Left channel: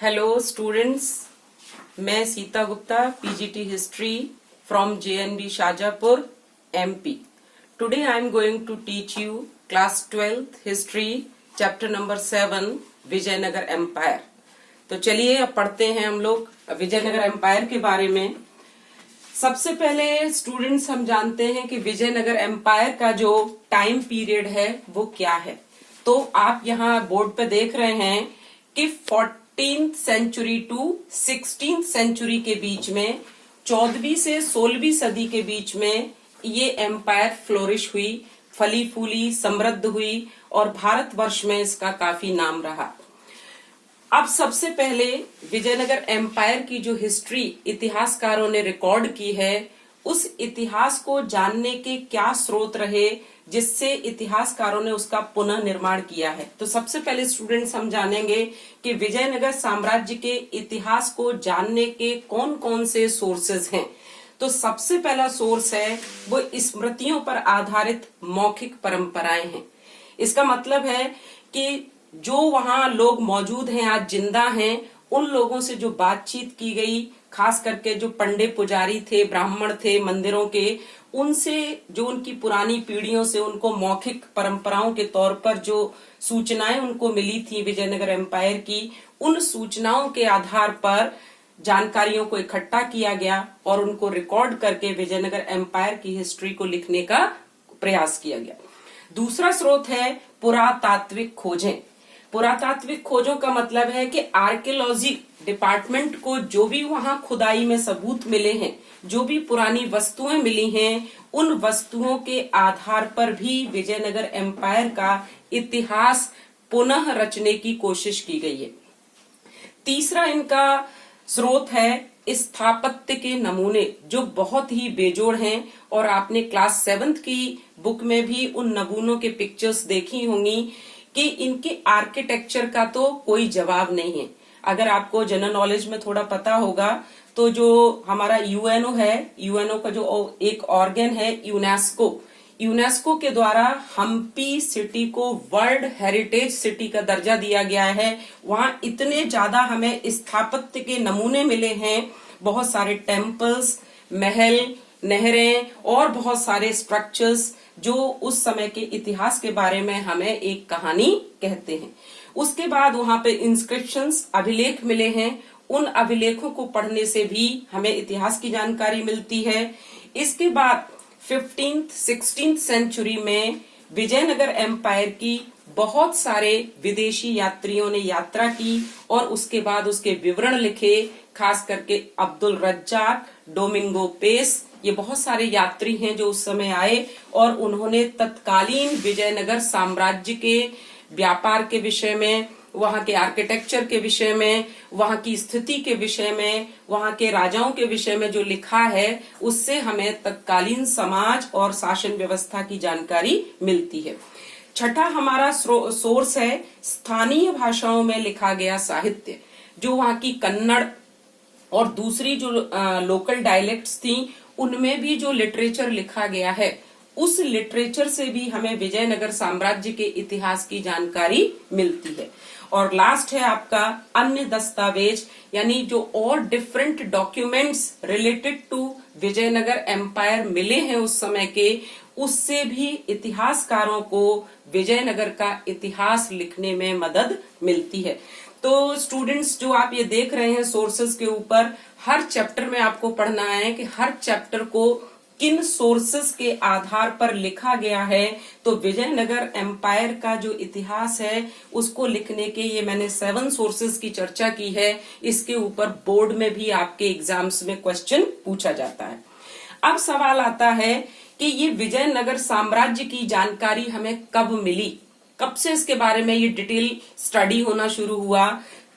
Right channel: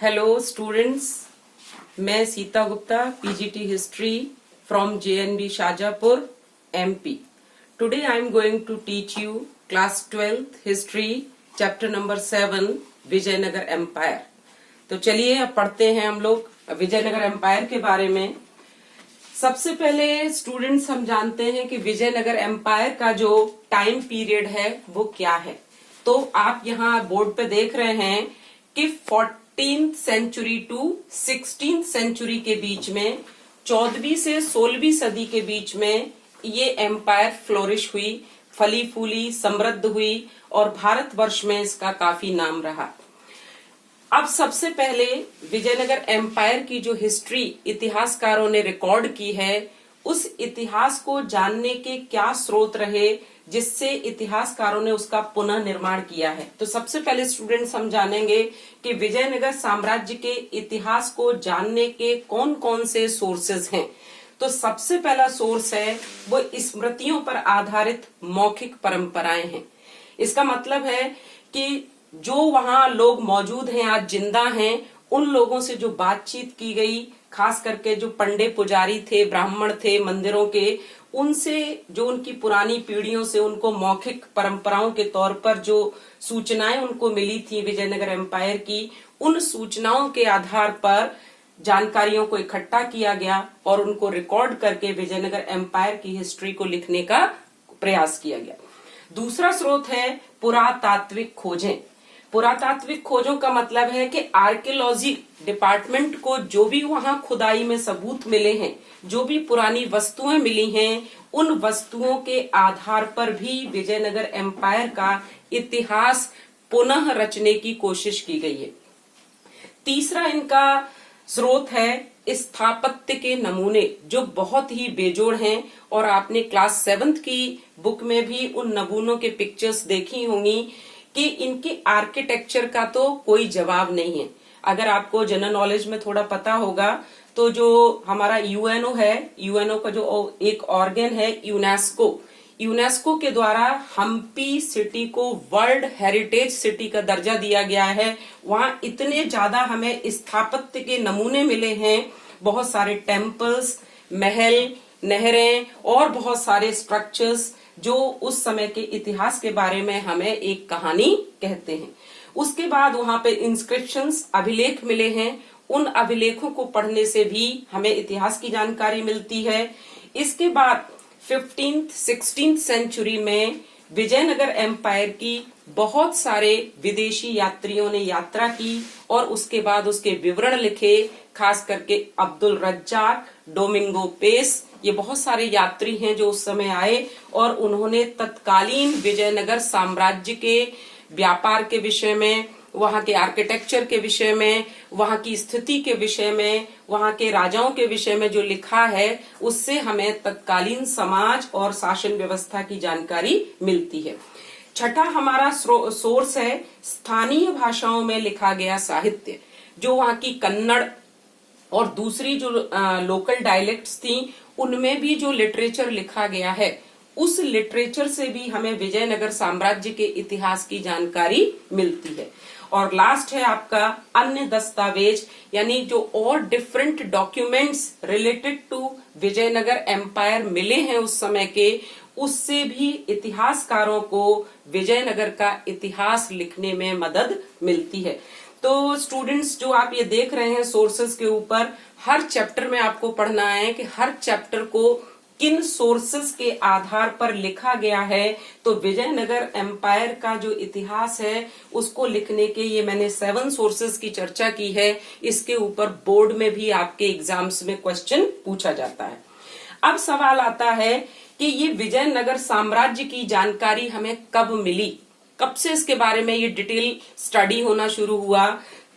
Hello students, मैं Sita Gupta, PGT history from JNV Shajapur, MP. Today I am going to teach you class 12th history chapter number 7 Vijayanagara empire. तो चलिए अब पढ़ते हैं हम लोग विजयनगर एम्पायर के बारे में. सबसे पहले स्टूडेंट्स हम जानते हैं कि विजयनगर एम्पायर का जो टाइम पीरियड है वो क्या है. तो आप यहाँ बोर्ड पे देख रहे हैं कि 14th century to 16th century के बीच में, 14वीं से 16वीं सदी के बीच में ये एम्पायर फ्लोरिश हुई, फली फूली, समृद्ध हुई और भारतवर्ष में इसका काफी नाम रहा. अब सबसे पहले विजयनगर एम्पायर की जो हिस्ट्री इतिहासकारों ने रिकॉर्ड की है, उस इतिहास को जानने के क्या स्रोत रहे जिससे इतिहासकारों ने उसका पुनः निर्माण किया है. तो सबसे पहले स्टूडेंट्स हम जानेंगे कि विजयनगर साम्राज्य के इतिहास को जानने के कौन कौन से सोर्सेज हैं. तो सबसे पहला सोर्स है वो स्मृतियों पर आधारित मौखिक परंपराएं हैं. इसका मतलब है कि जो वहां लोग मौजूद हैं, आज जिंदा हैं, उन लोगों से जो बातचीत की गई, खास करके जो पंडित पुजारी थे, ब्राह्मण थे मंदिरों के, उनसे जो उनकी पुरानी पीढ़ियों से उनको मौखिक परंपराओं के तौर पर जो सूचनाएं उनको मिली थी विजयनगर एम्पायर की, उन सूचनाओं के आधार पर जानकारियों को इकट्ठा किया गया और उनको रिकॉर्ड करके विजयनगर एम्पायर की हिस्ट्री को लिखने का प्रयास किया गया. दूसरा स्रोत है पुरातात्विक खोजें. पुरातात्विक खोजों का मतलब है कि आर्कियोलॉजी डिपार्टमेंट को जो भी वहां खुदाई में सबूत मिले हैं, जो भी पुरानी वस्तुएं मिली हैं, उन वस्तुओं के आधार पर भी विजयनगर एम्पायर का इतिहास पुनः रचने की कोशिश की गई है. तीसरा इनका स्रोत है स्थापत्य के नमूने, जो बहुत ही बेजोड़ हैं और आपने क्लास 7th की बुक में भी उन नमूनों के पिक्चर्स देखी होंगी कि इनके आर्किटेक्चर का तो कोई जवाब नहीं है. अगर आपको जनरल नॉलेज में थोड़ा पता होगा तो जो हमारा यूएनओ है, यूएनओ का जो एक ऑर्गन है यूनेस्को के द्वारा हम्पी सिटी को वर्ल्ड हेरिटेज सिटी का दर्जा दिया गया है. वहां इतने ज्यादा हमें स्थापत्य के नमूने मिले हैं, बहुत सारे टेम्पल्स, महल, नहरें और बहुत सारे स्ट्रक्चर्स जो उस समय के इतिहास के बारे में हमें एक कहानी कहते हैं. उसके बाद वहां पे इंस्क्रिप्शंस, अभिलेख मिले हैं. उन अभिलेखों को पढ़ने से भी हमें इतिहास की जानकारी मिलती है. इसके बाद 15th 16th सेंचुरी में विजयनगर एम्पायर की बहुत सारे विदेशी यात्रियों ने यात्रा की और उसके बाद उसके विवरण लिखे. खास करके अब्दुल रज्जाक, डोमिंगो पेस, ये बहुत सारे यात्री हैं जो उस समय आए और उन्होंने तत्कालीन विजयनगर साम्राज्य के व्यापार के विषय में, वहां के आर्किटेक्चर के विषय में, वहां की स्थिति के विषय में, वहां के राजाओं के विषय में जो लिखा है, उससे हमें तत्कालीन समाज और शासन व्यवस्था की जानकारी मिलती है. छठा हमारा सोर्स है स्थानीय भाषाओं में लिखा गया साहित्य, जो वहां की कन्नड़ और दूसरी जो लोकल डायलेक्ट्स थी, उनमें भी जो लिटरेचर लिखा गया है, उस लिटरेचर से भी हमें विजयनगर साम्राज्य के इतिहास की जानकारी मिलती है. और लास्ट है आपका अन्य दस्तावेज, यानी जो और different documents related to Vijayanagara empire मिले हैं उस समय के, उससे भी इतिहासकारों को विजयनगर का इतिहास लिखने में मदद मिलती है. तो स्टूडेंट्स, जो आप ये देख रहे हैं सोर्सेस के ऊपर, हर चैप्टर में आपको पढ़ना है कि हर चैप्टर को किन सोर्सेस के आधार पर लिखा गया है. तो विजयनगर एम्पायर का जो इतिहास है उसको लिखने के ये मैंने 7 सोर्सेस की चर्चा की है. इसके ऊपर बोर्ड में भी आपके एग्जाम्स में क्वेश्चन पूछा जाता है. अब सवाल आता है कि ये विजयनगर साम्राज्य की जानकारी हमें कब मिली, कब से इसके बारे में ये डिटेल स्टडी होना शुरू हुआ.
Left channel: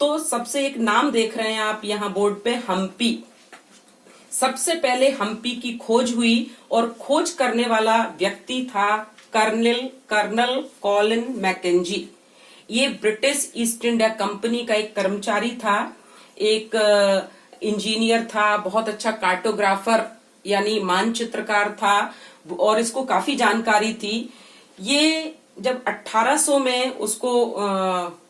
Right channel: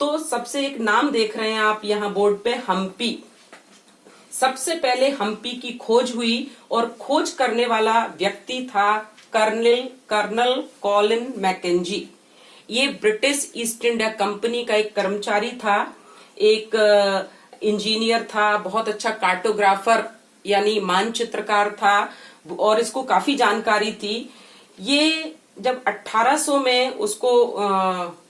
तो सबसे एक नाम देख रहे हैं आप यहाँ बोर्ड पे, हम्पी. सबसे पहले हम्पी की खोज हुई और खोज करने वाला व्यक्ति था कर्नल कॉलिन मैकेंजी. ये ब्रिटिश ईस्ट इंडिया कंपनी का एक कर्मचारी था, एक इंजीनियर था, बहुत अच्छा कार्टोग्राफर यानी मानचित्रकार था और इसको काफी जानकारी थी. ये जब 1800 में उसको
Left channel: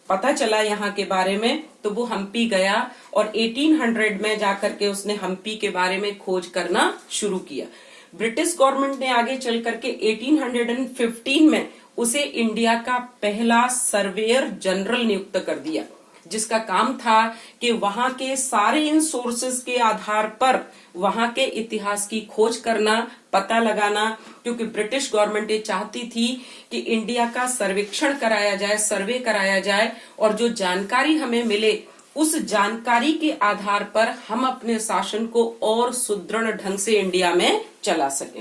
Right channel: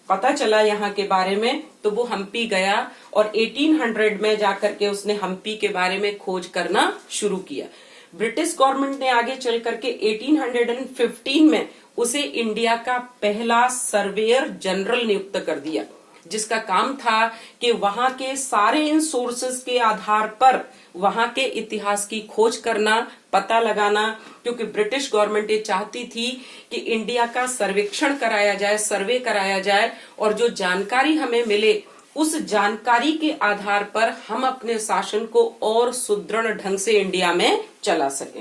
पता चला यहाँ के बारे में तो वो हम्पी गया और 1800 में जाकर के उसने हम्पी के बारे में खोज करना शुरू किया। ब्रिटिश गवर्नमेंट ने आगे चल करके 1815 में उसे इंडिया का पहला सर्वेयर जनरल नियुक्त कर दिया, जिसका काम था कि वहां के सारे इन सोर्सेस के आधार पर वहां के इतिहास की खोज करना, पता लगाना, क्योंकि ब्रिटिश गवर्नमेंट ये चाहती थी कि इंडिया का सर्वेक्षण कराया जाए, सर्वे कराया जाए और जो जानकारी हमें मिले उस जानकारी के आधार पर हम अपने शासन को और सुदृढ़ ढंग से इंडिया में चला सके।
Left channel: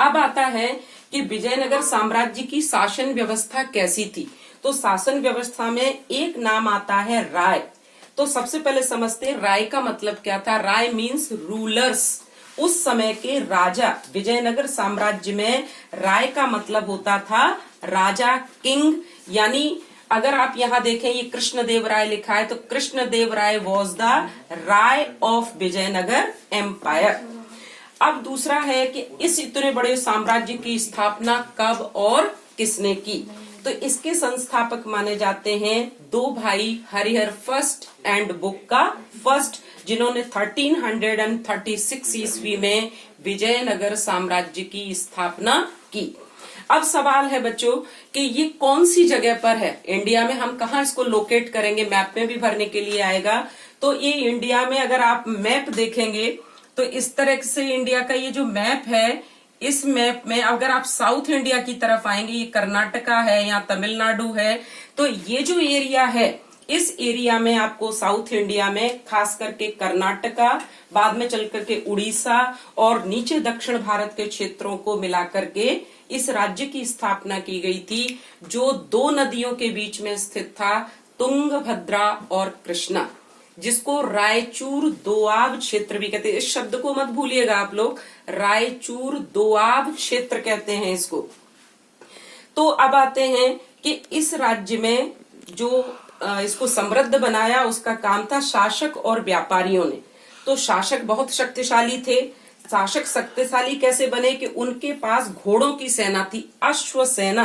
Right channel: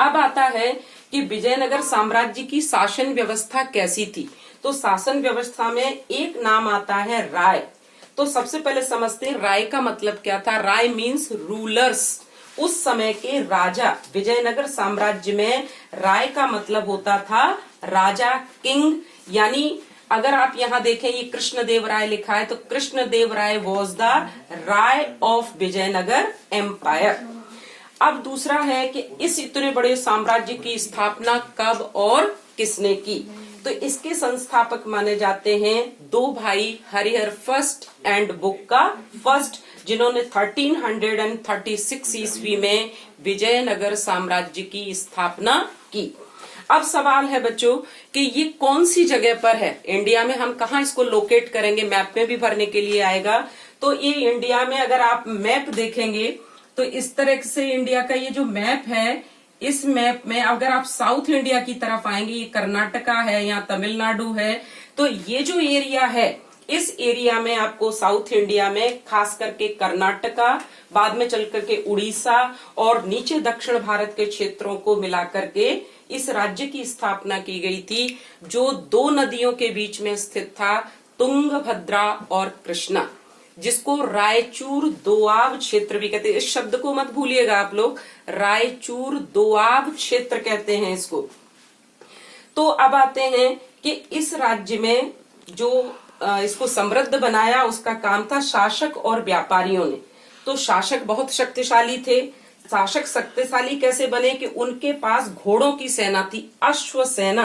अब आता है कि विजयनगर साम्राज्य की शासन व्यवस्था कैसी थी। तो शासन व्यवस्था में एक नाम आता है राय। तो सबसे पहले समझते हैं राय का मतलब क्या था। राय मीन्स रूलर्स। उस समय के राजा, विजयनगर साम्राज्य में राय का मतलब होता था राजा, किंग। यानी अगर आप यहाँ देखें ये कृष्णदेव राय लिखा है तो Krishnadeva Raya was the Raya of Vijayanagara empire. अब दूसरा है कि इस इतने बड़े साम्राज्य की स्थापना कब और किसने की। तो इसके संस्थापक माने जाते हैं दो भाई, Harihar first and Bukka first, जिन्होंने 1336 ईस्वी में विजयनगर साम्राज्य की स्थापना की। अब सवाल है बच्चों कि ये कौन सी जगह पर है इंडिया में, हम कहाँ इसको लोकेट करेंगे, मैप में भी भरने के लिए आएगा। तो ये इंडिया में अगर आप मैप देखेंगे तो इस तरह से इंडिया का ये जो मैप है, इस मैप में अगर आप साउथ इंडिया की तरफ आएंगे, ये कर्नाटका है, यहाँ तमिलनाडु है, तो ये जो एरिया है इस एरिया में आपको साउथ इंडिया में खास करके कर्नाटका, बाद में चल करके उड़ीसा और नीचे दक्षिण भारत के क्षेत्रों को मिलाकर के इस राज्य की स्थापना की गई थी, जो दो नदियों के बीच में स्थित था, तुंगभद्रा और कृष्णा, जिसको रायचूर दोआब क्षेत्र भी कहते हैं। इस शब्द को मत भूलिएगा आप लोग, रायचूर दोआब क्षेत्र कहते हैं इसको। तो अब आते हैं कि इस राज्य में जो इसको समृद्ध बनाया उसका काम था शासक और व्यापारियों ने। तो शासक बहुत शक्तिशाली थे। शासक शक्तिशाली कैसे बने कि उनके पास घोड़ों की सेना थी, अश्व सेना।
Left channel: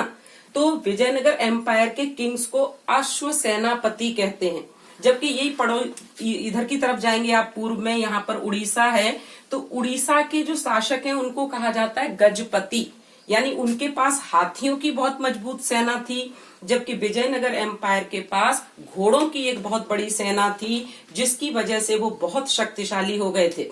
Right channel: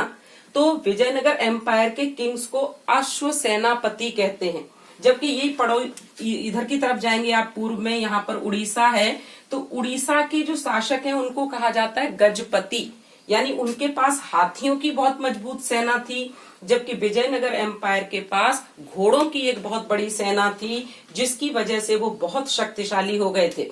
तो विजयनगर एम्पायर के किंग्स को अश्व सेनापति कहते हैं। जबकि यही पढ़ो, इधर की तरफ जाएंगे आप पूर्व में, यहाँ पर उड़ीसा है, तो उड़ीसा के जो शासक हैं उनको कहा जाता है गजपति, यानी उनके पास हाथियों की बहुत मजबूत सेना थी, जबकि विजयनगर एम्पायर के पास घोड़ों की एक बहुत बड़ी सेना थी, जिसकी वजह से वो बहुत शक्तिशाली हो गए थे।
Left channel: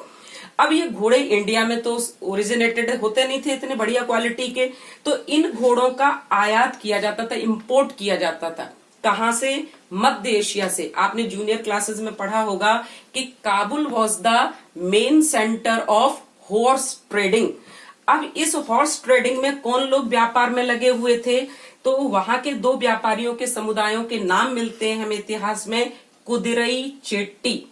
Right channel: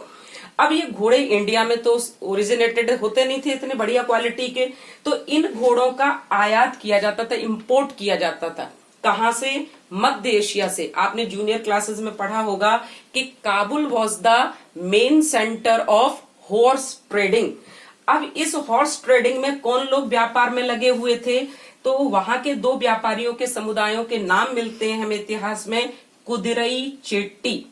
अब ये घोड़े इंडिया में तो ओरिजिनेटेड होते नहीं थे इतने बढ़िया क्वालिटी के, तो इन घोड़ों का आयात किया जाता था, इंपोर्ट किया जाता था। कहां से? मध्य एशिया से। आपने जूनियर क्लासेस में पढ़ा होगा कि Kabul was the main centre of horse trading. अब इस हॉर्स ट्रेडिंग में कौन लोग व्यापार में लगे हुए थे? तो वहां के दो व्यापारियों के समुदायों के नाम मिलते हैं हमें इतिहास में, कुदिरई चेट्टी।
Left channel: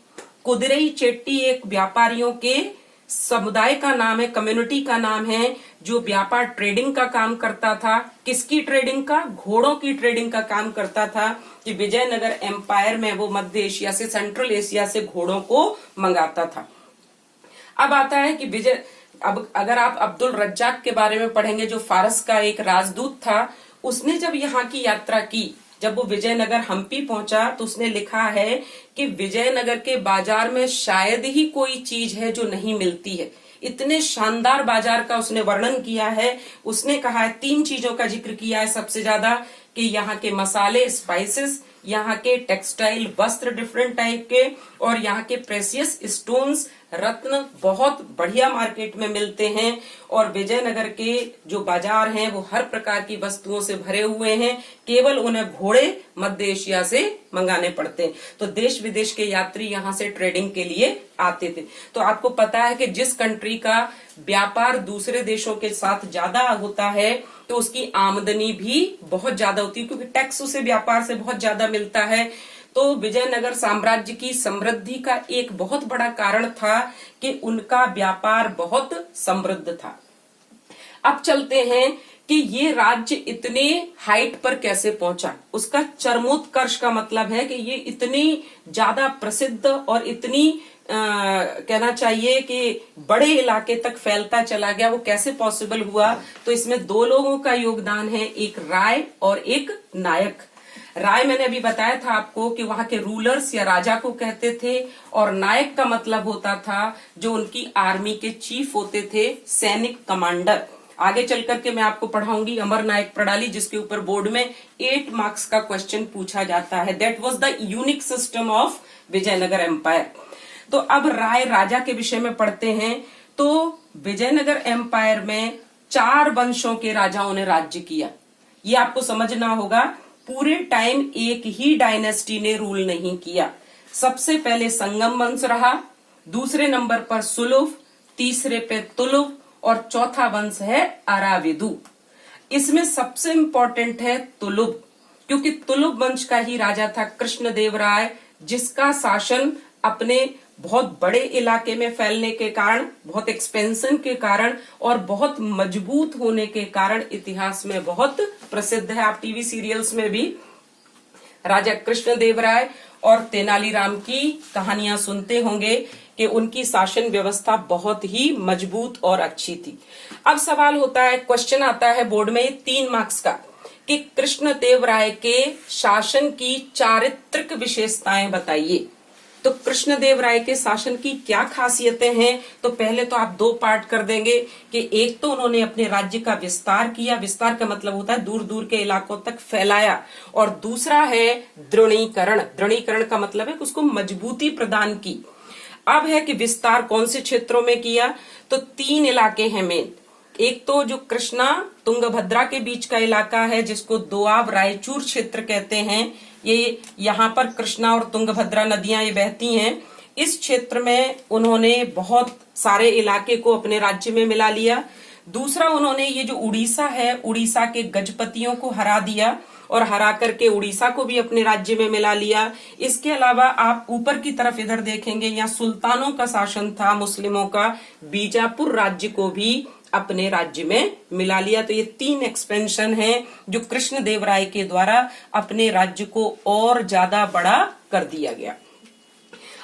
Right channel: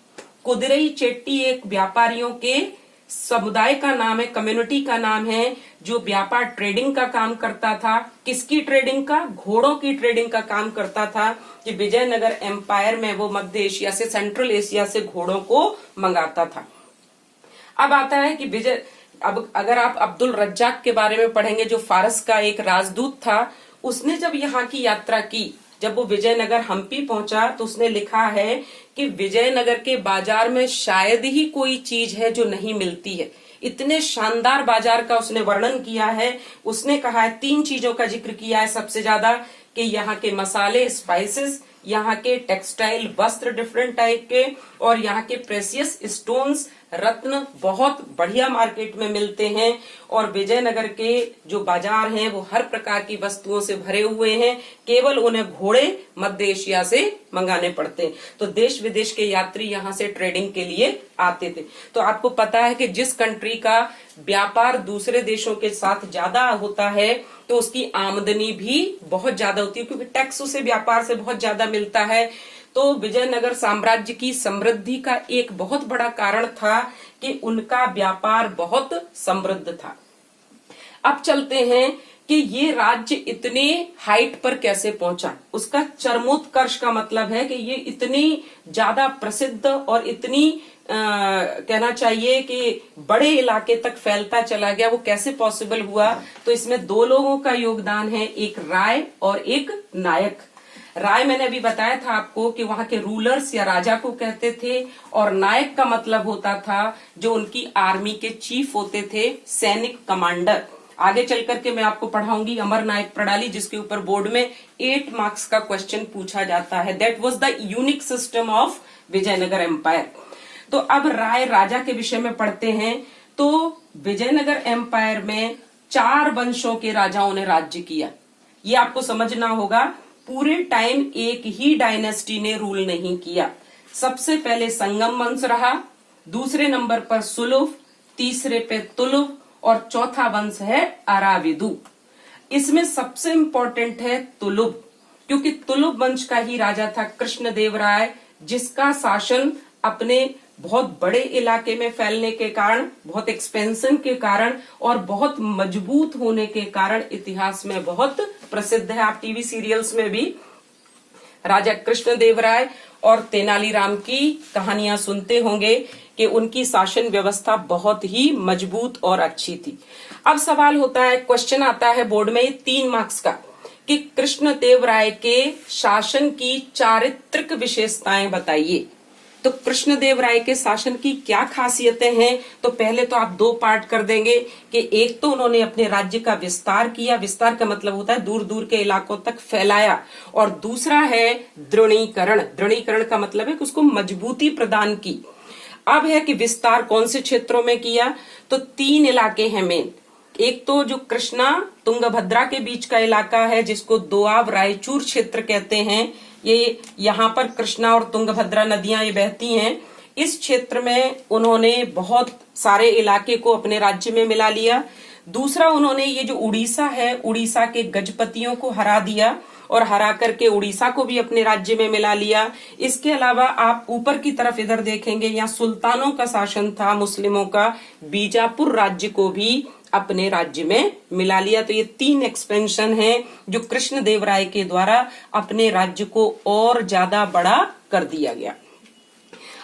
कुदिरई चेट्टी एक व्यापारियों के समुदाय का नाम है, कम्युनिटी का नाम है, जो व्यापार ट्रेडिंग का काम करता था। किसकी ट्रेडिंग का? घोड़ों की ट्रेडिंग का काम करता था कि विजयनगर एम्पायर में वो मध्य एशिया से, सेंट्रल एशिया से घोड़ों को मंगाता था। अब आता है कि अब अगर आप अब्दुल रज्जाक के बारे में पढ़ेंगे, जो फारस का एक राजदूत था, उसने जब यहाँ की यात्रा की, जब वो विजयनगर हम्पी पहुंचा तो उसने लिखा है कि विजयनगर के बाजार में शायद ही कोई चीज है जो नहीं मिलती है। इतने शानदार बाजार का उसने वर्णन किया है। उसने कहा है 3 चीजों का जिक्र किया है सबसे ज्यादा, कि यहाँ के मसाले, स्पाइसेस, यहाँ के टेक्सटाइल वस्त्र डिफरेंट टाइप के, और यहाँ के प्रेसियस स्टोन्स, रत्न बहुत बढ़िया मार्केट में मिलते हैं। और विजयनगर के जो बाजार हैं वो हर प्रकार की वस्तुओं से भरे हुए हैं, केवल उन्हें घोड़े मध्य एशिया से मंगाने पड़ते हैं। तो देश विदेश के यात्री यहाँ से ट्रेडिंग के लिए आते थे। तो आपको पता है कि जिस कंट्री का व्यापार दूसरे देशों के साथ ज्यादा होता है तो उसकी आमदनी भी बहुत ज्यादा होती है, क्योंकि टैक्स उसे व्यापार से बहुत ज्यादा मिलता है। तो विजयनगर साम्राज्य की समृद्धि का एक बहुत बड़ा कारण था कि उनका व्यापार बहुत समृद्ध था। अब चलते हैं कि ये राज्य इतने हाइट पर कैसे पहुंचा। उसका चरमोत्कर्ष का मतलब है कि ये इतनी ज्यादा प्रसिद्ध और इतनी कहना चाहिए कि बड़े इलाके तक फैलता चला गया, वो कैसे पॉसिबल हुआ। तो इसमें 2 लोगों का योगदान है, एक राय और एक नायक। राय मैंने अभी बताया था आपको कि वहां के रूलर्स या राजा को कहते थे, और नायक का मतलब होता था जो उनकी आर्मी के चीफ होते थे, सैनिक कमांडर। आगे चल करके मैं आपको पढ़ाऊंगी अमर नायक प्रणाली, जिसके ऊपर बोर्ड में 8 मार्क्स का क्वेश्चन पूछा जाता है। That was the unique system of Vijayanagara empire. तो अब राय राजा के विषय में पढ़ते हैं। तो विजयनगर एम्पायर में 4 वंशों के राजाओं ने राज्य किया। ये आपको समझना होगा, पूरे टाइम एक ही डायनेस्टी ने रूल नहीं किया। सबसे पहले संगम वंश रहा, दूसरे नंबर पर सुलुभ, तीसरे पे तुलुभ, और चौथा वंश है अराविदु। इसमें सबसे इंपॉर्टेंट है तुलुभ, क्योंकि तुलुभ वंश का ही राजा था कृष्णदेव राय, जिसका शासन अपने बहुत बड़े इलाके में फैलने के कारण, बहुत एक्सपेंशन के कारण और बहुत मजबूत होने के कारण इतिहास में बहुत प्रसिद्ध है। आप टीवी सीरियल्स में भी राजा कृष्णदेव राय और तेनालीराम की कहानियां सुनते होंगे कि उनकी शासन व्यवस्था बहुत ही मजबूत और अच्छी थी। अब सवाल होता है, क्वेश्चन आता है बोर्ड में 3 मार्क्स का, कि कृष्णदेव राय के शासन की चारित्रिक विशेषताएं बताइए। तो कृष्णदेव राय के शासन की क्या खासियतें हैं? तो पहले तो आप 2 पार्ट कर देंगे कि एक तो उन्होंने अपने राज्य का विस्तार किया, विस्तार का मतलब होता है दूर दूर के इलाकों तक फैलाया, और दूसरा है दृढ़ीकरण। दृढ़ीकरण का मतलब है कि उसको मजबूती प्रदान की। अब है कि विस्तार कौन से क्षेत्रों में किया, तो 3 इलाके हैं मेन। एक तो जो कृष्णा तुंगभद्रा के बीच का इलाका है, जिसको दोआब रायचूर क्षेत्र कहते हैं, ये यहाँ पर कृष्णा और तुंगभद्रा नदियां ये बहती हैं। इस क्षेत्र में उन्होंने बहुत सारे इलाके को अपने राज्य में मिला लिया। दूसरा, उन्होंने ये जो उड़ीसा है, उड़ीसा के गजपतियों को हरा दिया और हरा करके उड़ीसा को भी अपने राज्य में मिला लिया। इसके अलावा आप ऊपर की तरफ इधर देखेंगे, यहाँ सुल्तानों का शासन था मुस्लिमों का, बीजापुर राज्य को भी अपने राज्य में मिला लिया। तो ये 3 एक्सपेंशन हैं जो कृष्णदेव राय के द्वारा अपने राज्य को और ज्यादा बड़ा कर दिया गया।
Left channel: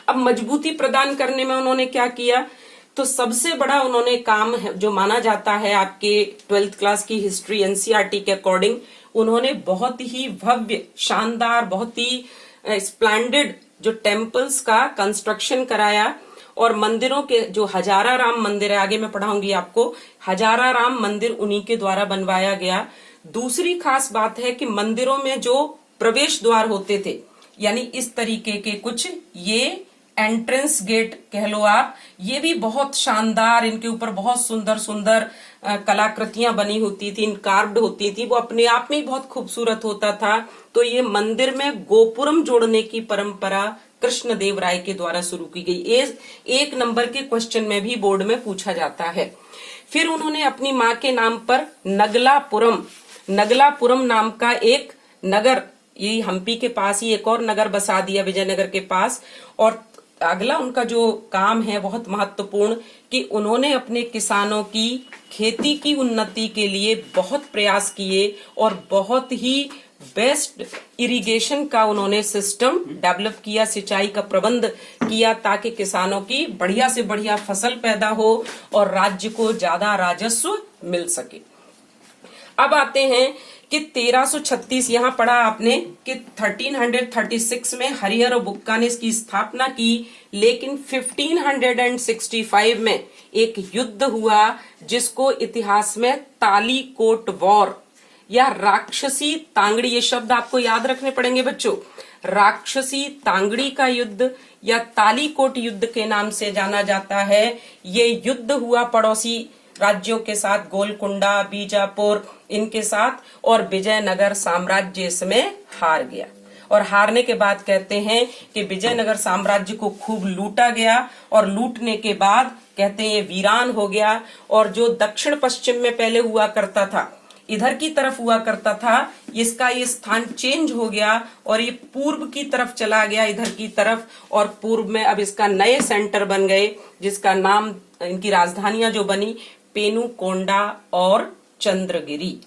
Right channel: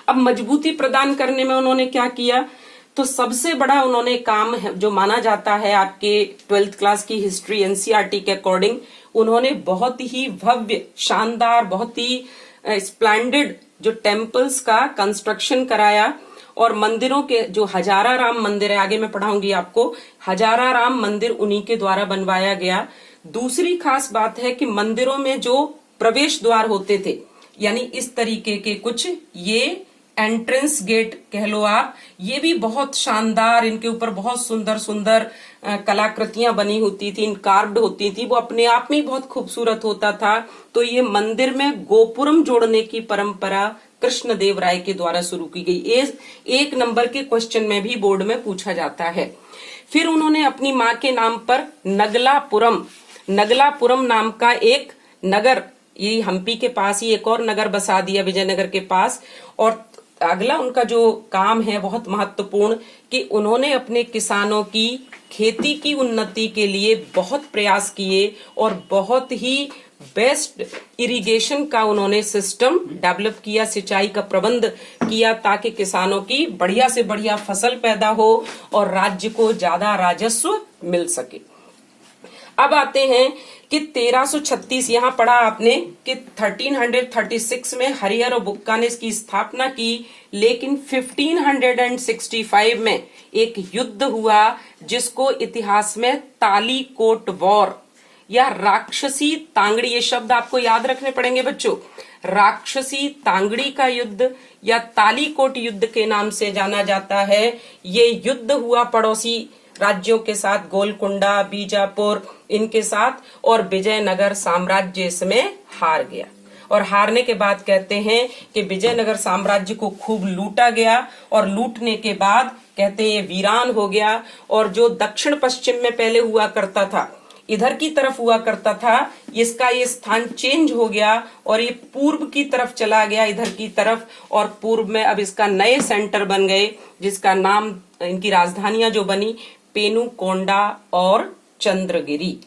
अब मजबूती प्रदान करने में उन्होंने क्या किया, तो सबसे बड़ा उन्होंने काम जो माना जाता है आपके 12th क्लास की हिस्ट्री एनसीईआरटी के अकॉर्डिंग, उन्होंने बहुत ही भव्य, शानदार, बहुत ही स्प्लेंडेड जो टेम्पल्स का कंस्ट्रक्शन कराया। और मंदिरों के जो हजारा राम मंदिर है, आगे मैं पढ़ाऊंगी आपको, हजारा राम मंदिर उन्हीं के द्वारा बनवाया गया। दूसरी खास बात है कि मंदिरों में जो प्रवेश द्वार होते थे, यानी इस तरीके के कुछ ये एंट्रेंस गेट कह लो आप, ये भी बहुत शानदार, इनके ऊपर बहुत सुंदर सुंदर कलाकृतियां बनी होती थी, कार्व्ड होती थी, वो अपने आप में बहुत खूबसूरत होता था। तो ये मंदिर में गोपुरम जोड़ने की परंपरा कृष्णदेव राय के द्वारा शुरू की गई। 1 नंबर के क्वेश्चन में भी बोर्ड में पूछा जाता है। फिर उन्होंने अपनी माँ के नाम पर नगलापुरम नाम का एक नगर, ये हम्पी के पास ही एक और नगर बसा दिया विजयनगर के पास। और अगला उनका जो काम है बहुत महत्वपूर्ण, कि उन्होंने अपने किसानों की खेती की उन्नति के लिए बहुत प्रयास किए और बहुत ही बेस्ट इरिगेशन का उन्होंने सिस्टम डेवलप किया, सिंचाई का प्रबंध किया, ताकि किसानों की बढ़िया से बढ़िया फसल पैदा हो और राज्य को ज्यादा राजस्व मिल सके। अब आते हैं कि 1336, यहाँ पढ़ा आपने कि 1336 में हरिहर और बुक्का ने इसकी स्थापना की, लेकिन 1565 में एक युद्ध हुआ जिसको इतिहास में तालीकोट वॉर या राक्षसी तांगड़ी, ये शब्द आपको याद रखने पड़ेंगे बच्चों, राक्षसी तांगड़ी का युद्ध या तालीकोट युद्ध के नाम से जाना जाता है। ये युद्ध हुआ पड़ोसी राज्यों के साथ, गोलकुंडा, बीजापुर, इनके साथ, और विजयनगर साम्राज्य इसमें हार गया। और हारने के बाद कहते हैं कि विजयनगर साम्राज्य को खूब लूटा गया, और लूटने के बाद कहते हैं ये वीरान हो गया। और जो दक्षिण पश्चिम में पहले हुआ करता था, इधर की तरफ हुआ करता था, इसका ये स्थान चेंज हो गया और ये पूर्व की तरफ चला गया, इधर की तरफ। और पूर्व में अब इसका नए सेंटर बन गए, जिसका नाम, इनकी राजधानियां जो बनी, पेनुकोंडा और चंद्रगिरी।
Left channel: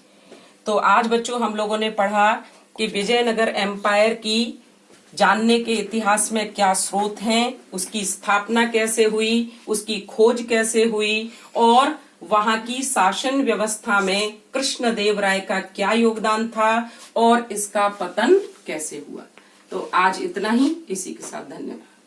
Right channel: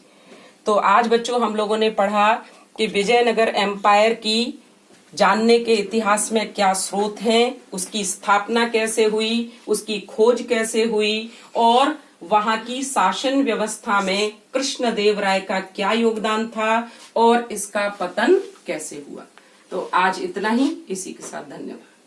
तो आज बच्चों हम लोगों ने पढ़ा कि विजयनगर एम्पायर की जानने के इतिहास में क्या स्रोत हैं, उसकी स्थापना कैसे हुई, उसकी खोज कैसे हुई, और वहां की शासन व्यवस्था में कृष्णदेव राय का क्या योगदान था और इसका पतन कैसे हुआ। तो आज इतना ही, इसी के साथ धन्यवाद।